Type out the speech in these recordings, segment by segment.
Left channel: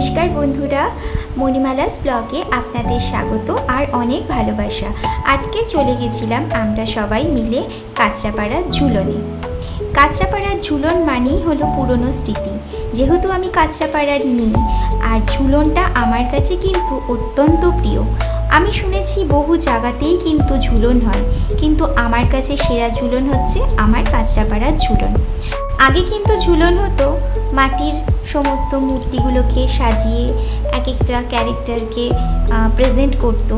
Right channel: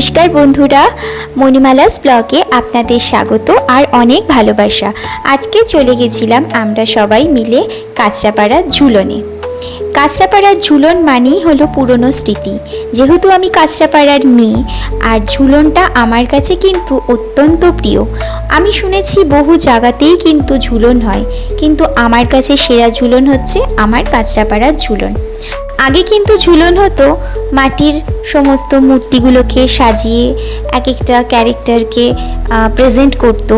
নমস্কার বন্ধুরা, মণিমালাস ব্লগে আপনাদের স্বাগত আর অনেক ভালোবাসা। আজকে চলে গেছিলাম আমরা সবাই মিলে কাঁচরাপাড়ার ঝুলনে। কাঁচরাপাড়ার ঝুলন মানেই হলো পুরনো স্মৃতি। যেহেতু আমি কাঁচরাপাড়ার মেয়ে, আর ঝুলনটা আমার কাছে কিন্তু অত্যন্ত প্রিয়। আমি শুনেছি বহু জায়গাতেই কিন্তু ঝুলন হয়, কিন্তু আমার কাছে সেরা ঝুলন হচ্ছে আমার কাঁচরাপাড়ার ঝুলন। আগে কিন্তু ঝুলন হতো মাটির সমস্ত মূর্তিগুলোকে সাজিয়ে এক একটা ক্যারেক্টারকে প্রেজেন্ট করতো।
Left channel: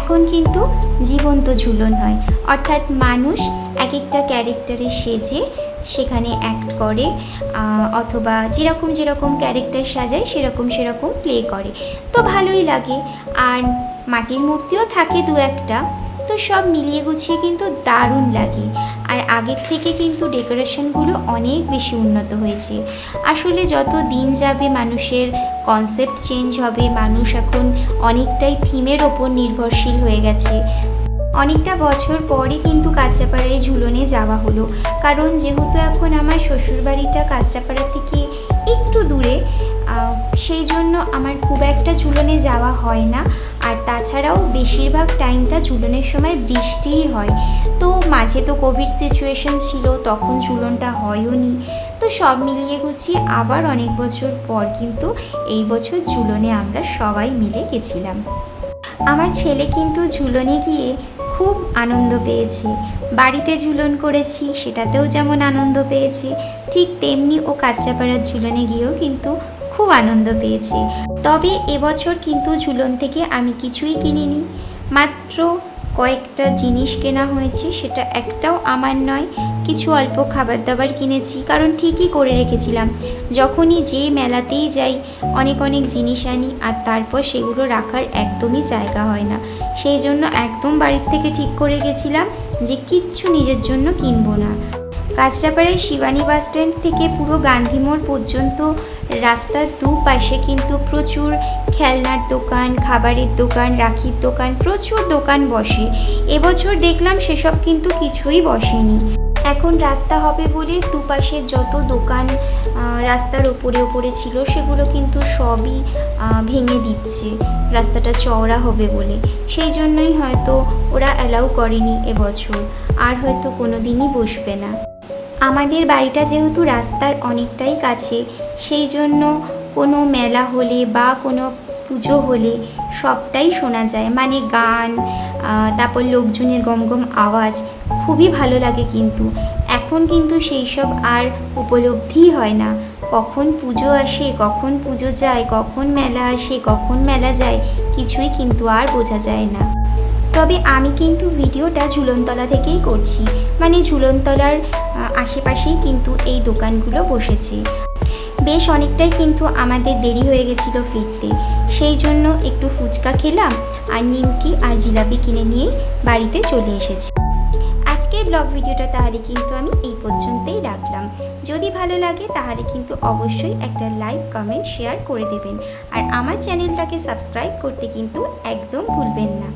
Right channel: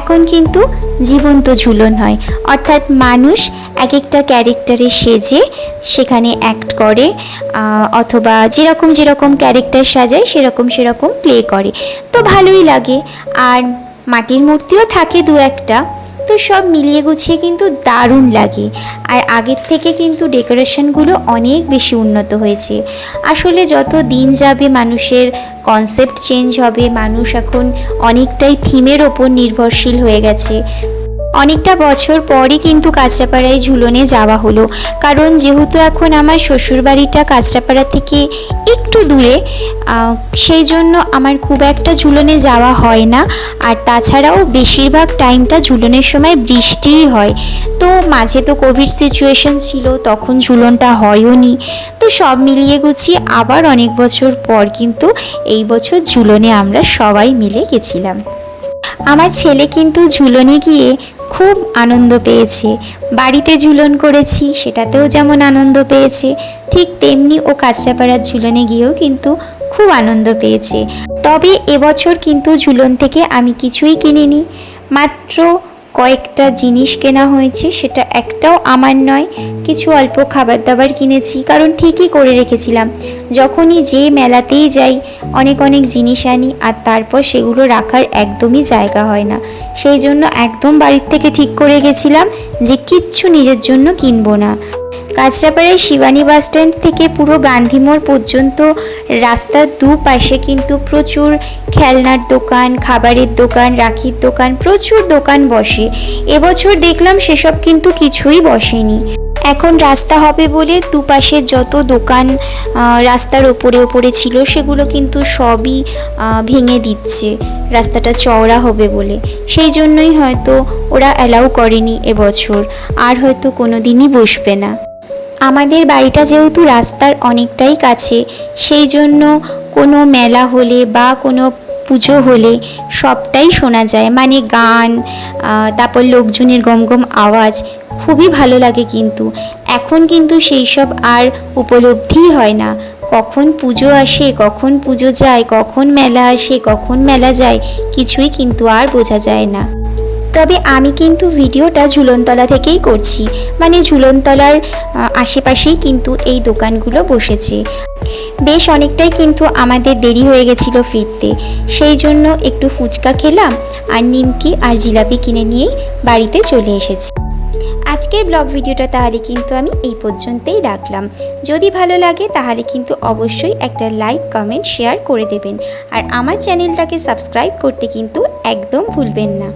এখন কিন্তু জীবন্ত ঝুলন হয়, অর্থাৎ মানুষ এক একটা ক্যারেক্টারে সেজে সেখানে অ্যাক্ট করে, অথবা যেরকম যেরকম ক্যারেক্টার সাজায় সেরকম সেরকম প্লে করে। তো ভালোই লাগে, আর মাটির মূর্তিও থাকে দু একটা। তো সব মিলিয়ে গুছিয়ে কিন্তু দারুণ লাগে। আর আগের থেকে কিন্তু ডেকোরেশনগুলো অনেক বেশি উন্নত হয়েছে। আসলে যত দিন যাবে মানুষের কনসেপ্ট চেঞ্জ হবে, মানুষ এখন অনেকটাই থিমের ওপর নির্ভরশীল হয়ে গেছে। অনেকটা বছর পরই কিন্তু কাঁচরাপাড়ায় ঝুলনে যাওয়া হলো, কারণ যেহেতু এখন আমার শ্বশুরবাড়িটা কাঁচরাপাড়া থেকে একটু দূরে, সেই জন্য আমার খুব একটা ঝুলনে যাওয়া হয় না। আর তাছাড়াও বেশিরভাগ টাইমটা ঝুলনের সময় বৃষ্টিই হয়। তো মাঝে তো কোভিড সিচুয়েশন ছিল, তখন ঝুলনটা হয়ও নি। তো সব মিলিয়ে গুছিয়ে আবার অনেক বছর পর কিন্তু এই বছর ঝুলনে আমরা সবাই মিলে গেছিলাম। আমার ছেলে কিন্তু ঝুলনে গিয়ে খুব আনন্দ পেয়েছে। বাড়িতে ঝুলন করেছি, সেটাতেও যেমন আনন্দ পেয়েছে, ঠিক তেমনি ও কাঁচরাপাড়ার ঝুলনে গিয়েও কিন্তু খুব আনন্দ পেয়েছে। তবে এবছর কিন্তু ঝুলন থেকে আমি কিছুই কিনিনি, মাত্র কয়েকটা জিনিস কেনা হয়েছে, সেটা একটাও আমার নয়। কিছু অল্প খাবার দাবার কিনেছি, কারণ ঠিকই করে রেখেছিলাম যখনই যে মেলাতেই যাই অনেক অনেক জিনিস আনি, আর তারপর সেগুলো রাখার একদমই জায়গা হয় না। সেই জন্য একদম বাড়ির থেকে ঠিক করে গেছিলাম যে কিচ্ছু নিজের জন্য কিনবো না। কাঁচরাপাড়ায় শিবানী বাস স্ট্যান্ড থেকে পুরো গান্ধী মোড় পর্যন্ত রাস্তার দুপাশে কিন্তু প্রচুর খেলনার দোকান, খাবারের দোকান, রাখির দোকান, প্রচুর দোকান বসে। এবছর দেখলাম সেসব কিন্তু কিছুই বসেনি। এখন রাস্তা হবে বলে দুপাশে যত দোকান রাস্তার ওপরে ওপরে ছিল সেগুলো কিন্তু সবই ভেঙে দিচ্ছে রাস্তাটা চওড়া হবে বলে। সেই জন্যই হয়তো ওরা অ্যালাউ করেনি এবছর, আর হয়তো কোনো দিনই বসবে না। আমাদের বাড়িটা যেহেতু রাস্তার অনেকটাই কাছে, সেই জন্য কোনো মেলা হলে বা কোনো পুজো হলে সবটাই শোনা যায়, মানে গান, তারপর লোকজনের গমগম আওয়াজ, খুবই ভালো লাগে। কিন্তু এখন কিন্তু সেই সব আর উপলব্ধিই হয় না। কখন পুজো আসে, কখন পুজো যায়, কখন মেলা আসে, কখন মেলা যায়, কিছুই কিন্তু আর বোঝা যায় না। তবে আমি কিন্তু ভিডিওটা ঝুলনতলা থেকেই করছি, মানে ঝুলনতলার আশেপাশেই কিন্তু এই দোকানগুলো বসেছে। বেশ অনেকটাই কিন্তু আমাদের দেরি হয়ে গেছিলো ফিরতে, সেই জন্য একটু ফুচকা খেলাম আর নিমকি আর জিলাপি কিনে নিয়েই বাড়িতে চলে এসেছি। আজকের ব্লগ ভিডিওটা তাহলে কিন্তু আমি এই পর্যন্তই রাখলাম। যদি ভালো লাগে তাহলে কিন্তু অবশ্যই একটা লাইক, কমেন্ট, শেয়ার করে দেবেন। আর আমার চ্যানেলটাকে সাবস্ক্রাইব করতে কিন্তু একদম ভুলবেন না।